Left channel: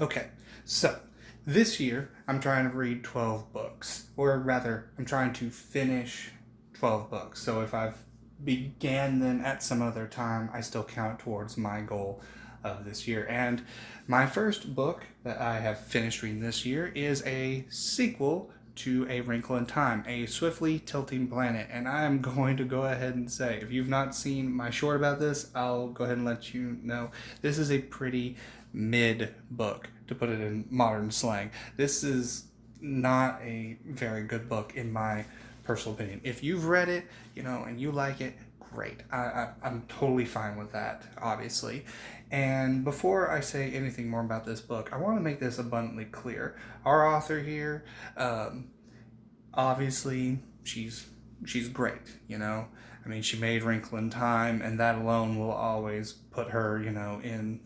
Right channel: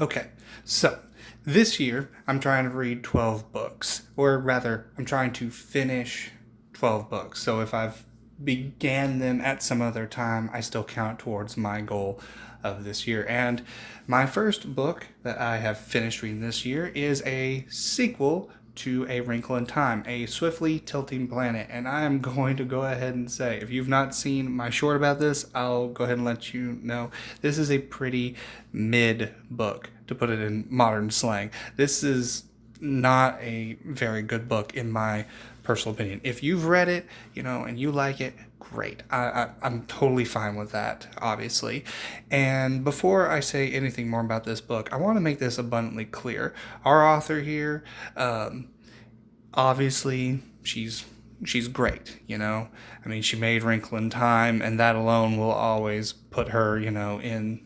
Okay, so this year I'm trying to read 12 books, or rather, I'm trying to finish 12 books. So if I've began them at some other time, I still count towards my goal of this year. And my first book that I have finished reading this year is a sequel to A Wrinkle in Time, a swiftly tilting planet. And I'm going to go ahead and say, if you've not seen my short about this, I'll go ahead and let you know. This is a pretty mid book, to put it in modern slang. This is not a very good book, in my personal opinion. If you've read it, and you like it, great. I'm totally fine with that, obviously. And before I say anything more about this book, I want to make this abundantly clear. Our author here, obviously, she's great. I mean, she made Wrinkle in Time, and that alone will always put her, in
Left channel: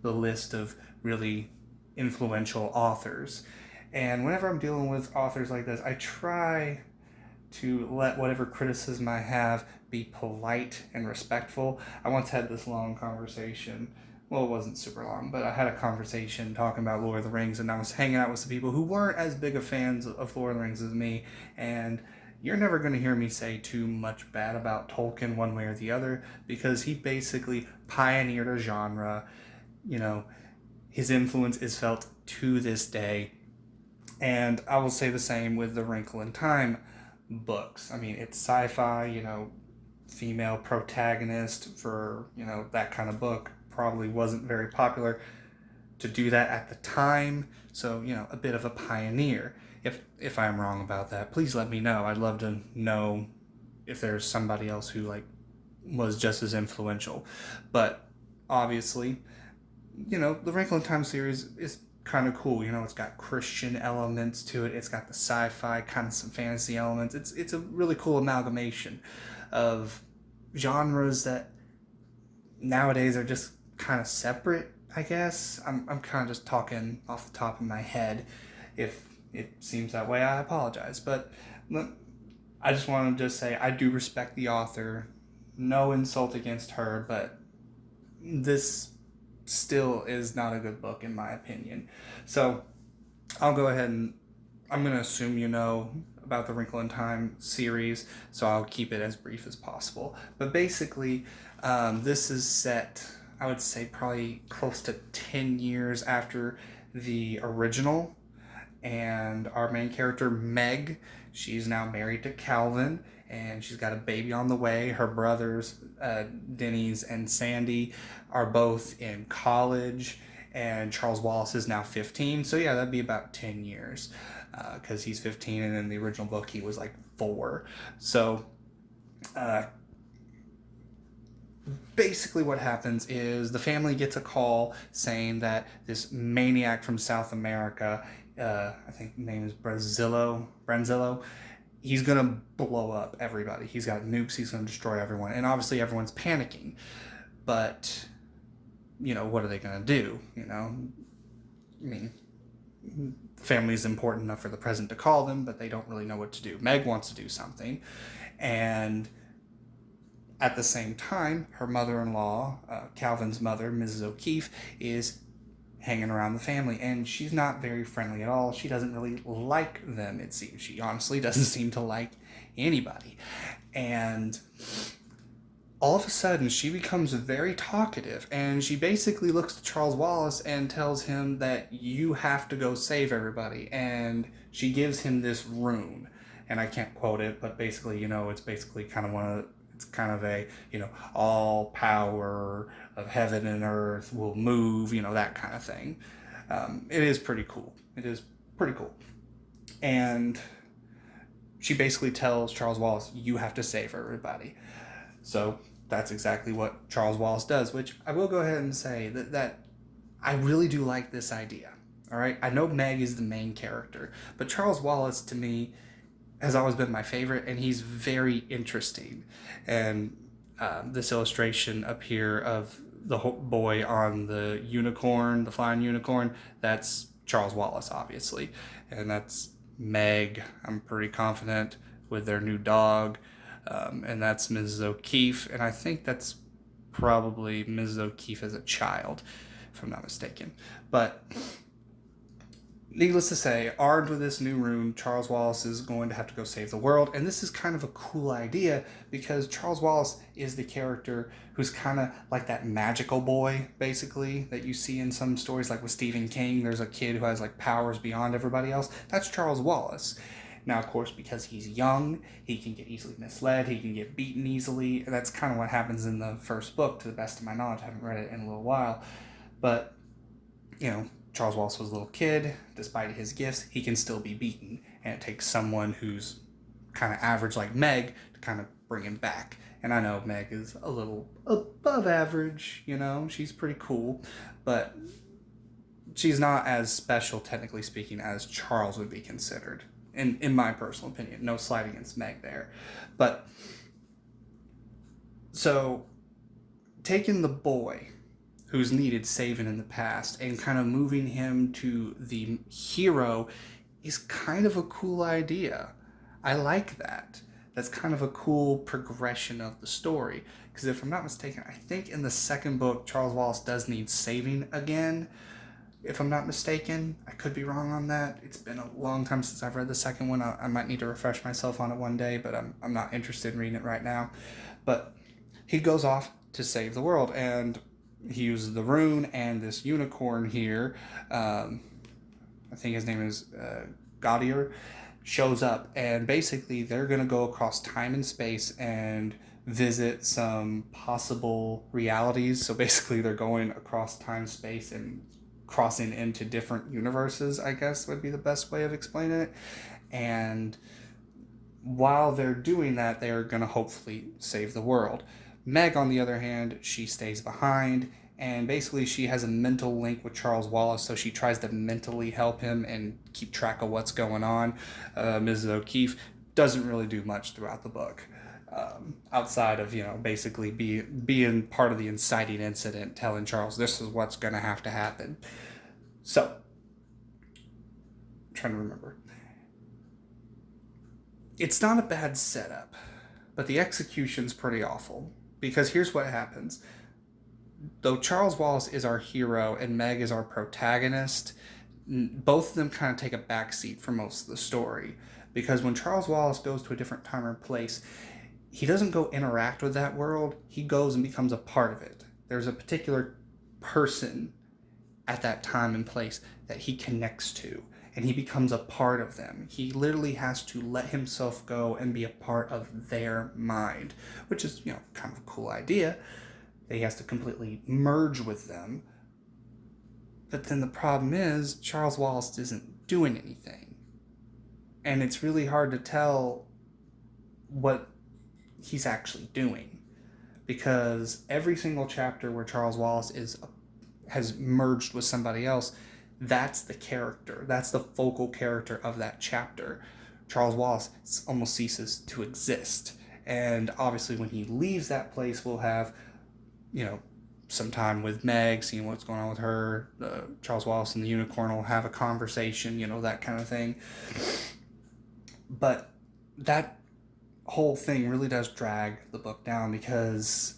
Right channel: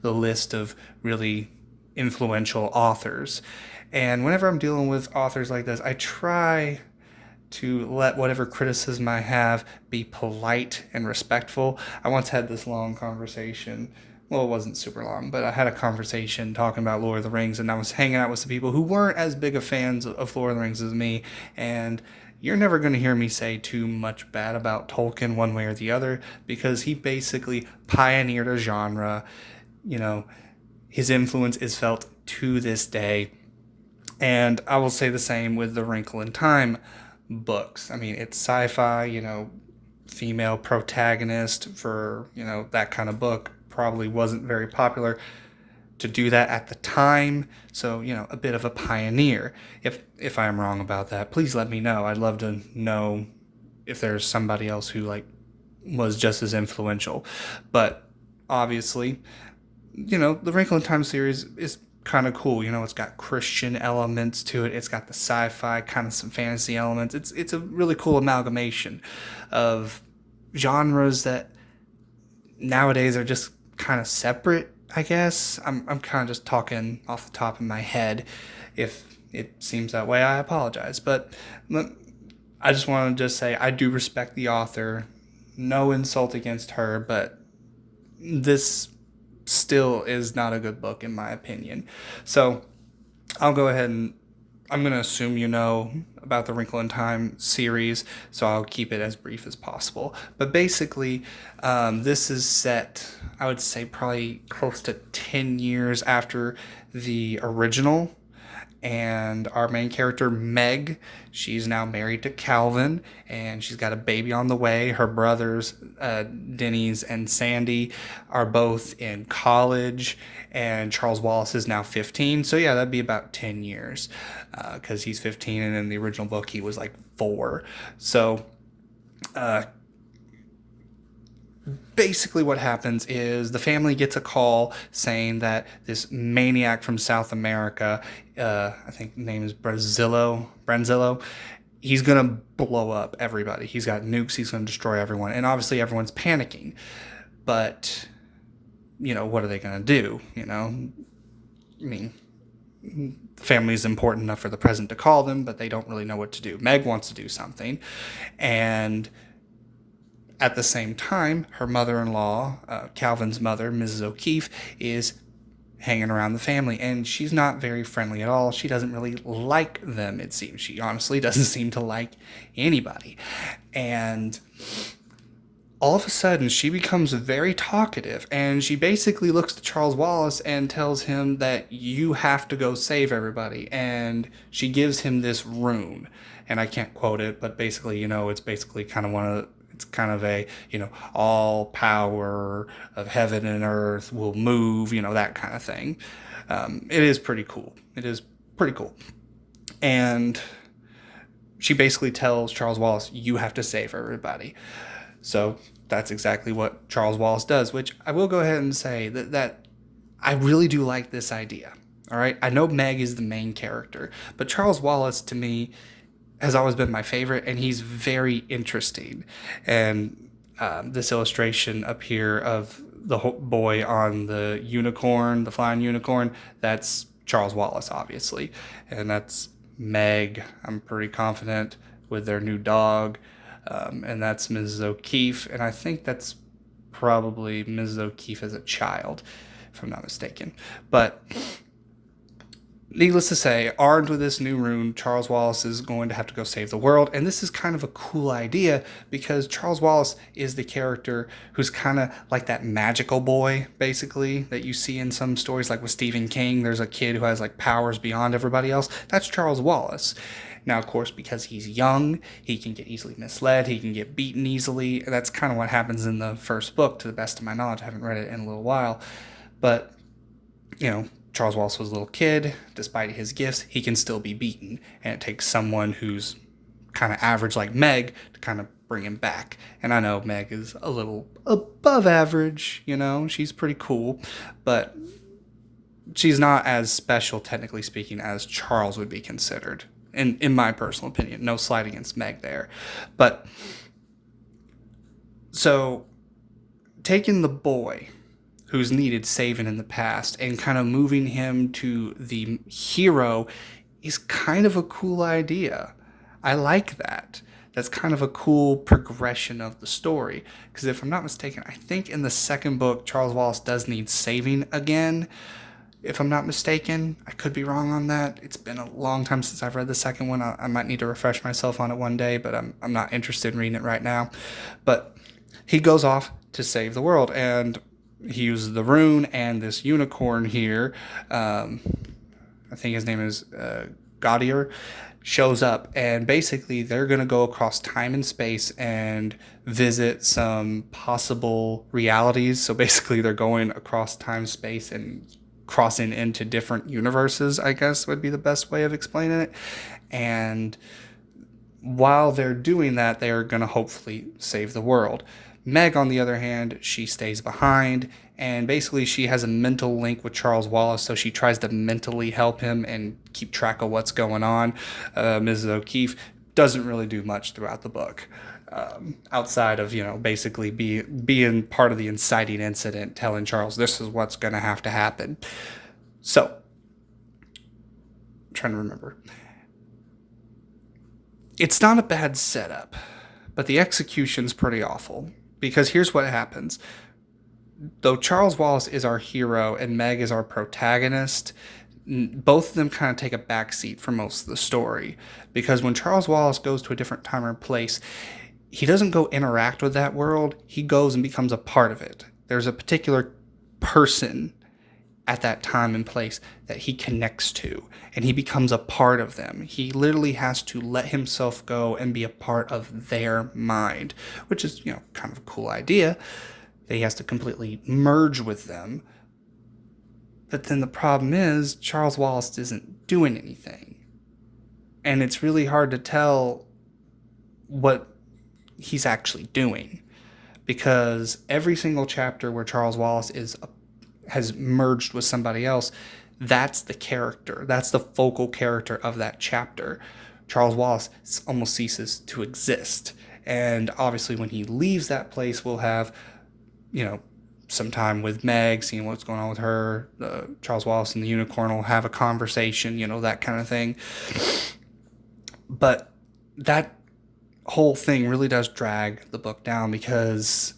the list of really influential authors. And whenever I'm dealing with authors like this, I try to let whatever criticism I have be polite and respectful. I once had this long conversation. Well, it wasn't super long, but I had a conversation talking about Lord of the Rings, and I was hanging out with some people who weren't as big of fans of Lord of the Rings as me. And you're never going to hear me say too much bad about Tolkien one way or the other, because he basically pioneered a genre. you know, his influence is felt to this day. And I will say the same with the Wrinkle in Time books. I mean, it's sci-fi, female protagonist for, that kind of book probably wasn't very popular to do that at the time. So, a bit of a pioneer. If I'm wrong about that, please let me know. I'd love to know if there's somebody else who was just as influential. But obviously, the Wrinkle in Time series is kind of cool. It's got Christian elements to it. It's got the sci-fi, kind of some fantasy elements. It's a really cool amalgamation of genres that nowadays are just kind of separate, I guess. I'm kind of just talking off the top of my head. If it seems that way, I apologize. But I just want to just say I do respect the author. No insult against her, but this still is not a good book in my opinion. So I'll go ahead and I'm going to assume you know about the Wrinkle in Time series, so I'll keep it as brief as possible. But basically, this is set, I would say, probably close to 10 years after the original. And our main character, Meg, she's now married to Calvin, and she's got a baby on the way. Her brothers, Denny's and Sandy, are both in college, and Charles Wallace is now 15. So, yeah, that'd be about 10 years, because he's 15, and in the original book, he was like 4. So, basically what happens is the family gets a call saying that this maniac from South America, I think the name is Brenzillo, he's going to blow up everybody. He's got nukes, he's going to destroy everyone. And obviously everyone's panicking. But, what are they going to do? I mean, family is important enough for the president to call them, but they don't really know what to do. Meg wants to do something. And at the same time, her mother-in-law, Calvin's mother, Mrs. O'Keefe, is hanging around the family, and she's not very friendly at all. She doesn't really like them, it seems. She honestly doesn't seem to like anybody. And all of a sudden, she becomes very talkative, and she basically looks to Charles Wallace and tells him that you have to go save everybody. And she gives him this rune, and I can't quote it, but basically, it's basically kind of it's kind of a, all power of heaven and earth will move, that kind of thing. It is pretty cool. It is pretty cool. And she basically tells Charles Wallace, you have to save everybody. So that's exactly what Charles Wallace does, which I will go ahead and say that I really do like this idea. All right. I know Meg is the main character, but Charles Wallace, to me, has always been my favorite, and he's very interesting. And this illustration up here of the boy on the unicorn, the flying unicorn, that's Charles Wallace, obviously. And that's Meg, I'm pretty confident, with their new dog. And that's Mrs. O'Keefe, and I think that's probably Mrs. O'Keefe as a child. if I'm not mistaken. But needless to say, armed with this new rune, Charles Wallace is going to have to go save the world. And this is kind of a cool idea because Charles Wallace is the character who's kind of like that magical boy, basically, that you see in some stories, like with Stephen King. There's a kid who has like powers beyond everybody else. That's Charles Wallace. Now, of course, because he's young, he can get easily misled. He can get beaten easily. That's kind of what happens in the first book, to the best of my knowledge. I haven't read it in a little while. But, Charles Wallace was a little kid. Despite his gifts, he can still be beaten. And it takes someone who's kind of average like Meg to kind of bring him back. And I know Meg is a little above average, she's pretty cool. But she's not as special, technically speaking, as Charles would be considered. In my personal opinion. No slight against Meg there. But, so, taking the boy who's needed saving in the past and kind of moving him to the hero is kind of a cool idea. I like that. That's kind of a cool progression of the story. Because if I'm not mistaken, I think in the second book, Charles Wallace does need saving again. If I'm not mistaken, I could be wrong on that. It's been a long time since I've read the second one. I might need to refresh myself on it one day, but I'm not interested in reading it right now. But he goes off to save the world, and he uses the rune, and this unicorn here, I think his name is Gaudier, shows up, and basically they're going to go across time and space and visit some possible realities. So basically they're going across time, space, and crossing into different universes, I guess would be the best way of explaining it. And while they're doing that, they're going to hopefully save the world. Meg, on the other hand, she stays behind, and basically she has a mental link with Charles Wallace, so she tries to mentally help him and keep track of what's going on. Mrs. O'Keefe doesn't really do much throughout the book, outside of, basically being part of the inciting incident, telling Charles this is what's going to have to happen. So, I'm trying to remember. It's not a bad setup, but the execution's pretty awful. Because here's what happens. Though Charles Wallace is our hero and Meg is our protagonist, both of them kind of take a backseat for most of the story. Because when Charles Wallace goes to a different time or place, he doesn't go interact with that world. He goes and becomes a part of it. There's a particular person at that time and place that he connects to, and he becomes a part of them. He literally has to let himself go and be a part of their mind, which is, kind of a cool idea, that he has to completely merge with them. But then the problem is, Charles Wallace isn't doing anything. And it's really hard to tell what he's actually doing. Because every single chapter where Charles Wallace has merged with somebody else, that's the character. That's the focal character of that chapter. Charles Wallace almost ceases to exist. And obviously when he leaves that place, we'll have, some time with Meg, seeing what's going on with her. Charles Wallace and the unicorn will have a conversation, that kind of thing. But that whole thing really does drag the book down, because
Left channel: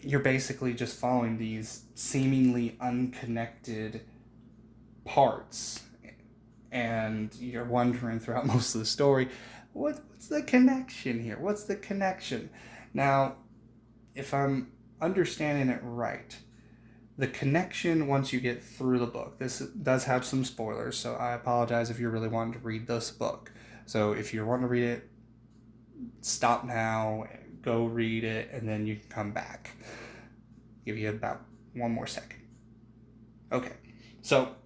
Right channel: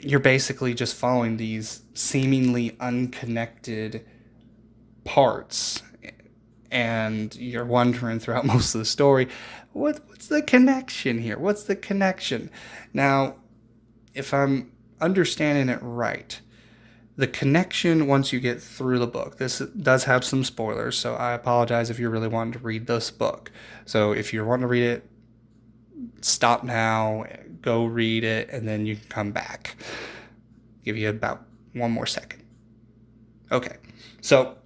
you're basically just following these seemingly unconnected parts, and you're wondering throughout most of the story, what's the connection here? What's the connection? Now, if I'm understanding it right, the connection, once you get through the book, this does have some spoilers, so I apologize if you're really wanting to read this book. So if you're wanting to read it, stop now, go read it, and then you can come back. Give you about one more second. Okay, so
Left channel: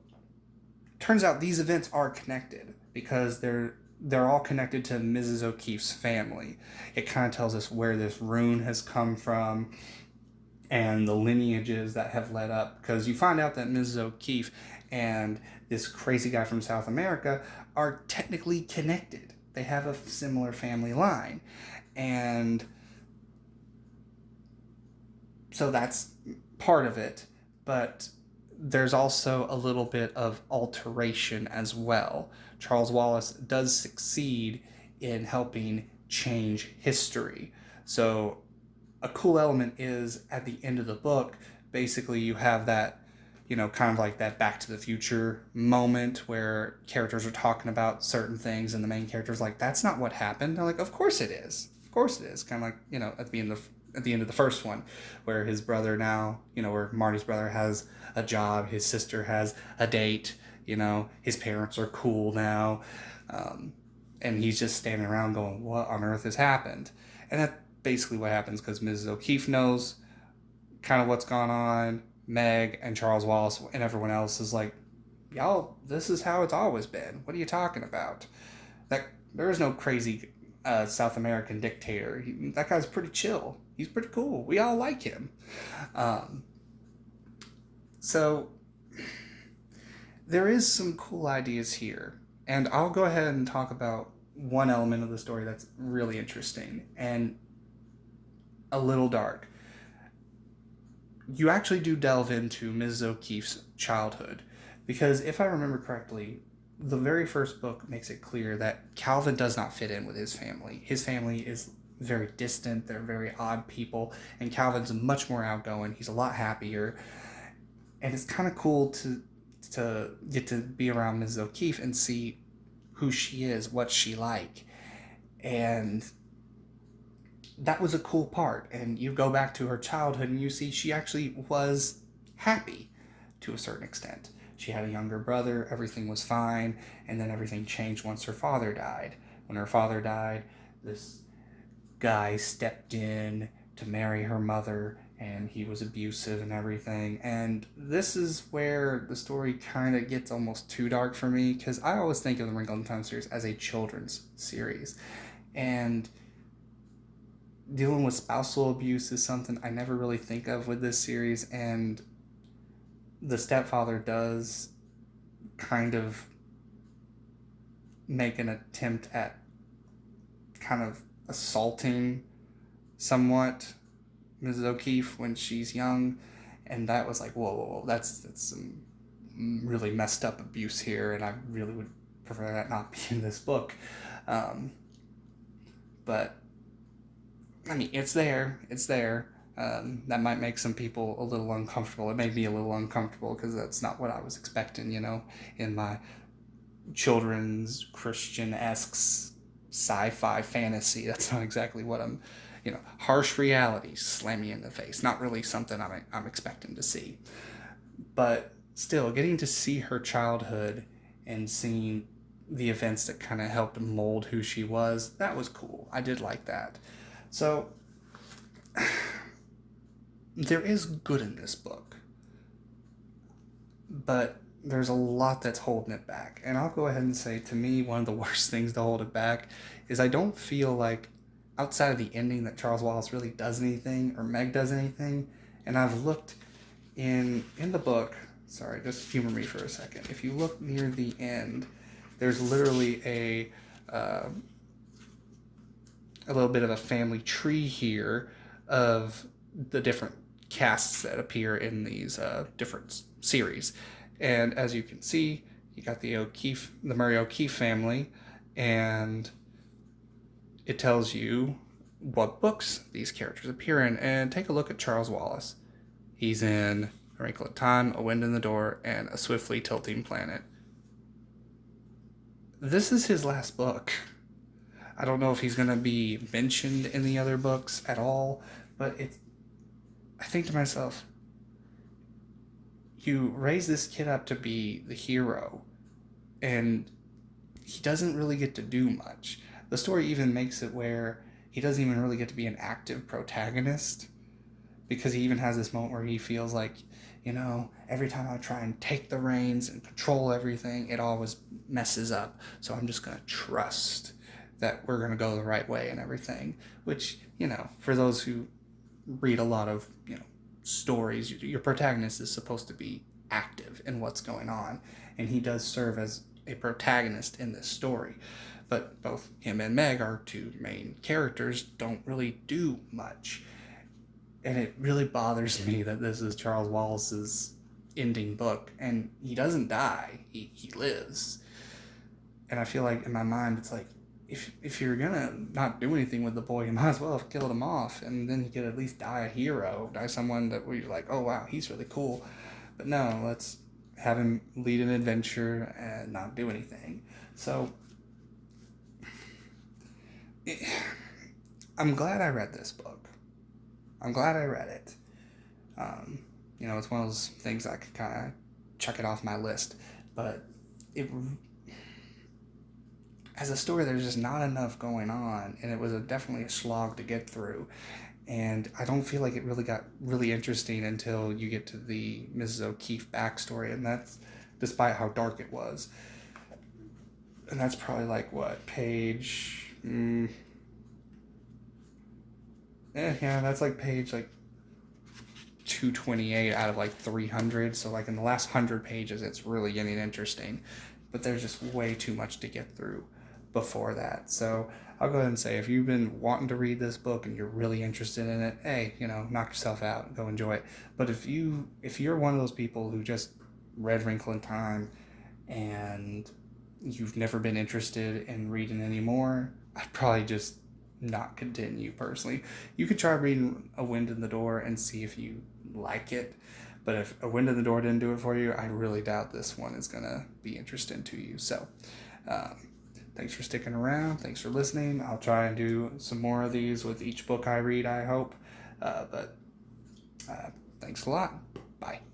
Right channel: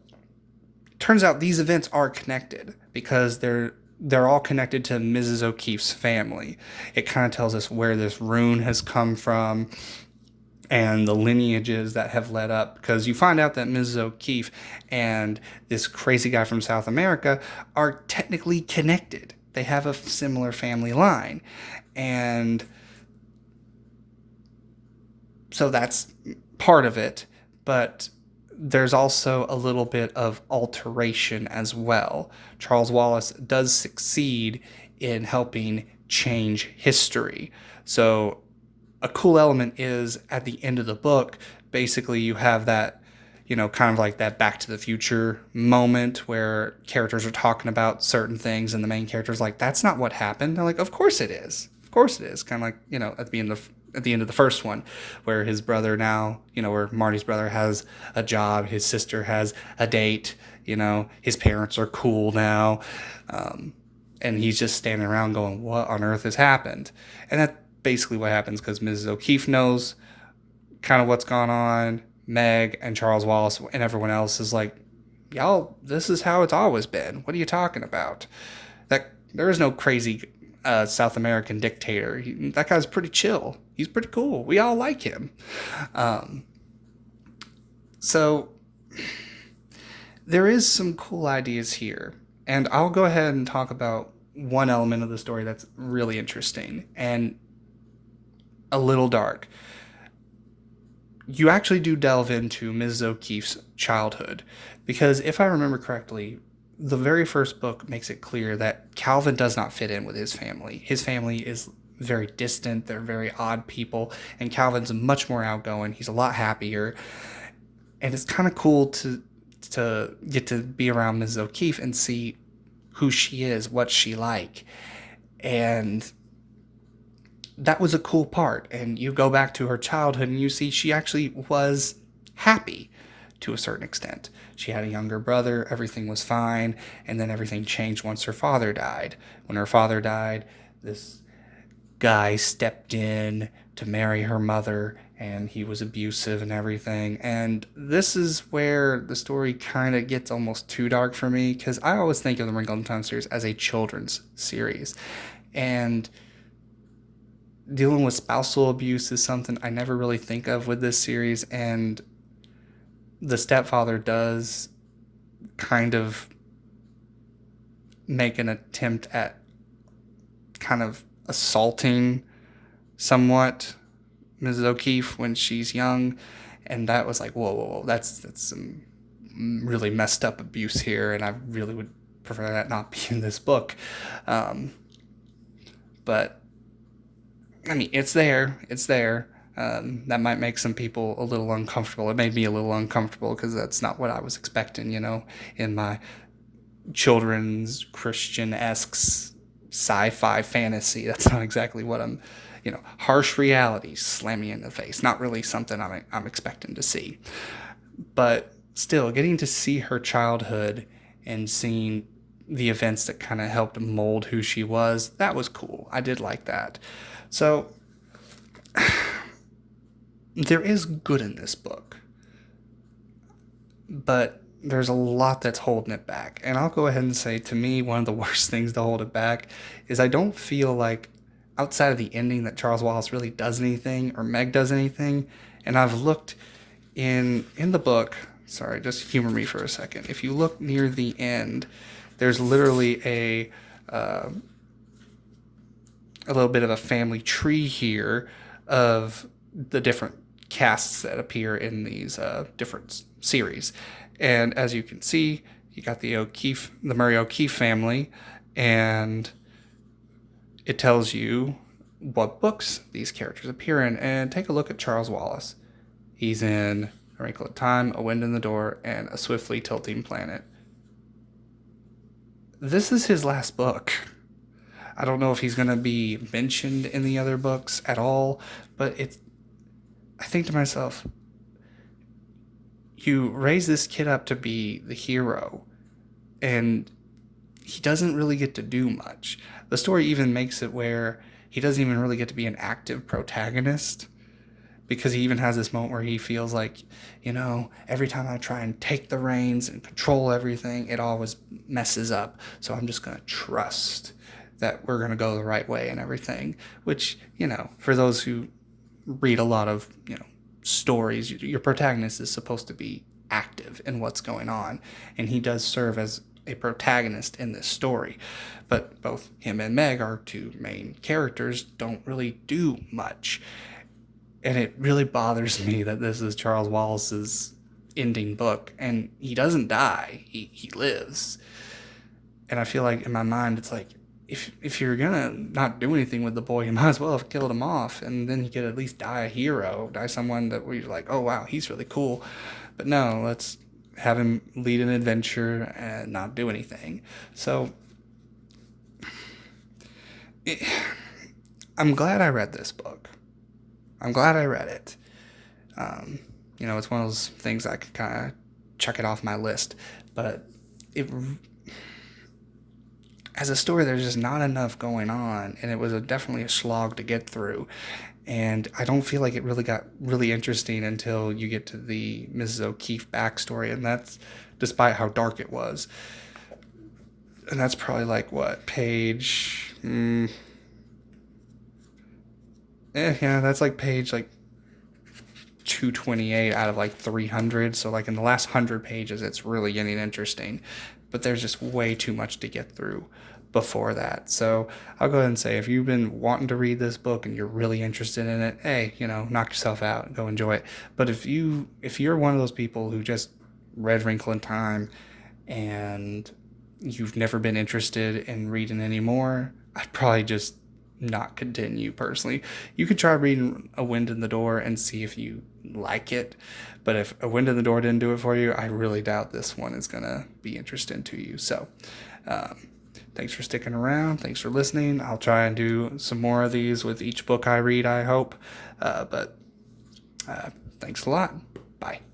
turns out these events are connected because they're all connected to Mrs. O'Keefe's family. It kind of tells us where this rune has come from and the lineages that have led up, because you find out that Mrs. O'Keefe and this crazy guy from South America are technically connected. They have a similar family line. And so that's part of it, but there's also a little bit of alteration as well. Charles Wallace does succeed in helping change history. So a cool element is, at the end of the book, basically you have that, kind of like that Back to the Future moment where characters are talking about certain things and the main character's like, that's not what happened. They're like, of course it is. Of course it is. Kind of like, at the end of the first one, where his brother now, where Marty's brother has a job, his sister has a date, his parents are cool now. And he's just standing around going, what on earth has happened? And that's basically what happens, because Mrs. O'Keefe knows kind of what's gone on. Meg and Charles Wallace and everyone else is like, y'all, this is how it's always been. What are you talking about? That there is no crazy South American dictator. That guy's pretty chill. He's pretty cool. We all like him. So there is some cool ideas here. And I'll go ahead and talk about one element of the story that's really interesting and a little dark. You actually do delve into Mrs. O'Keefe's childhood, because if I remember correctly, the very first book makes it clear that Calvin does not fit in with his family. His family is very distant. They're very odd people, and Calvin's much more outgoing. He's a lot happier, and it's kind of cool to get to be around Mrs. O'Keefe and see who she is, what she like. And that was a cool part. And you go back to her childhood and you see she actually was happy to a certain extent. She had a younger brother, everything was fine, and then everything changed once her father died. When her father died, this guy stepped in to marry her mother, and he was abusive and everything. And this is where the story kind of gets almost too dark for me, because I always think of the Wrinkle in Time series as a children's series. And dealing with spousal abuse is something I never really think of with this series, and the stepfather does kind of make an attempt at kind of assaulting somewhat Mrs. O'Keefe when she's young, and that was like, whoa, that's some really messed up abuse here, and I really would prefer that not be in this book. But I mean, it's there. That might make some people a little uncomfortable. It made me a little uncomfortable because that's not what I was expecting, in my children's Christian-esque sci-fi fantasy. That's not exactly what I'm, harsh reality slam me in the face. Not really something I'm expecting to see. But still, getting to see her childhood and seeing the events that kind of helped mold who she was, that was cool. I did like that. So there is good in this book, but there's a lot that's holding it back. And I'll go ahead and say, to me, one of the worst things to hold it back is I don't feel like, outside of the ending, that Charles Wallace really does anything or Meg does anything. And I've looked in the book, sorry, just humor me for a second. If you look near the end, there's literally a little bit of a family tree here of the different casts that appear in these different series. And as you can see, you got the Murray O'Keefe family, and it tells you what books these characters appear in. And take a look at Charles Wallace. He's in A Wrinkle in Time, A Wind in the Door, and A Swiftly Tilting Planet. This is his last book. I don't know if he's going to be mentioned in the other books at all, but I think to myself, you raise this kid up to be the hero, and he doesn't really get to do much. The story even makes it where he doesn't even really get to be an active protagonist, because he even has this moment where he feels like, every time I try and take the reins and control everything, it always messes up. So I'm just going to trust that we're going to go the right way and everything, which, for those who read a lot of, stories, your protagonist is supposed to be active in what's going on, and he does serve as a protagonist in this story. But both him and Meg, our two main characters, don't really do much. And it really bothers me that this is Charles Wallace's ending book, and he doesn't die, he lives. And I feel like in my mind, it's like, if you're gonna not do anything with the boy, you might as well have killed him off, and then he could at least die a hero, die someone that where you're like, oh wow, he's really cool. But no, let's have him lead an adventure and not do anything. So I'm glad I read this book. I'm glad I read it. It's one of those things I could kind of check it off my list, but it as a story, there's just not enough going on, and it was definitely a slog to get through. And I don't feel like it really got really interesting until you get to the Mrs. O'Keefe backstory, and that's despite how dark it was. And that's probably like what page? That's like page like 228 out of like 300. So like in the last 100 pages, it's really getting interesting. But there's just way too much to get through before that. So I'll go ahead and say, if you've been wanting to read this book and you're really interested in it, hey, knock yourself out, go enjoy it. But if you're one of those people who just read Wrinkle in Time and you've never been interested in reading anymore, I'd probably just not continue personally. You could try reading A Wind in the Door and see if you like it. But if A Wind in the Door didn't do it for you, I really doubt this one is going to be interesting to you. So, thanks for sticking around. Thanks for listening. I'll try and do some more of these with each book I read, I hope. But thanks a lot. Bye.